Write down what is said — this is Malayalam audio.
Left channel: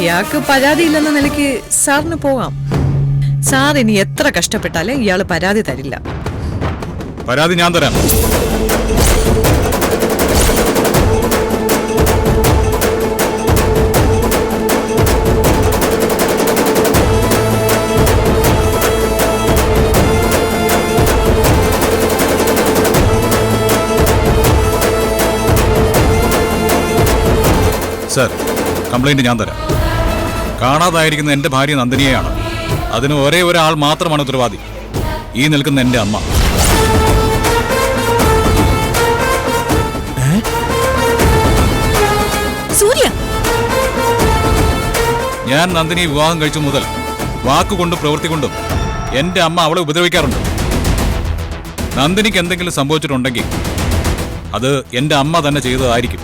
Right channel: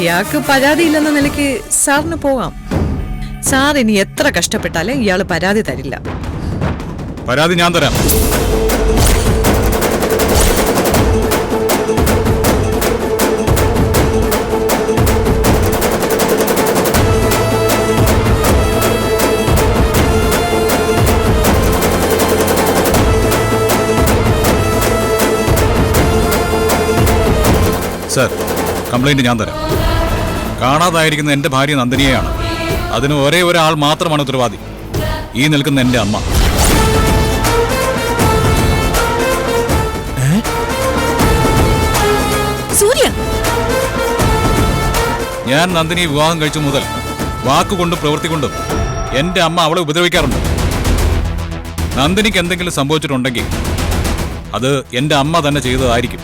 ഇയാൾക്ക് പരാതിയില്ലെന്ന നിലയ്ക്ക് സാറിന് പോകാം. സാർ ഇനി എത്ര കഷ്ടപ്പെട്ടാലും ഇയാള് പരാതി തരില്ല. പരാതി ഞാൻ തരാം. സർ, കംപ്ലൈന്റ് ഞാൻ തരാം. കാണാതായിരിക്കുന്ന എന്റെ ഭാര്യ നന്ദിനിയെയാണ്. അതിന് ഒരേ ഒരാൾ മാത്രമാണ് ഉത്തരവാദി, ഈ നിൽക്കുന്ന എന്റെ അമ്മ. സൂര്യ, ഞാൻ നന്ദിനി വിവാഹം കഴിച്ചു മുതൽ വാക്കുകൊണ്ടും പ്രവൃത്തി കൊണ്ടും എന്റെ അമ്മ അവളെ ഉപദ്രവിക്കാറുണ്ട്. നന്ദിനിക്ക് എന്തെങ്കിലും സംഭവിച്ചിട്ടുണ്ടെങ്കിൽ അത് എന്റെ അമ്മ തന്നെ ചെയ്തതായിരിക്കും.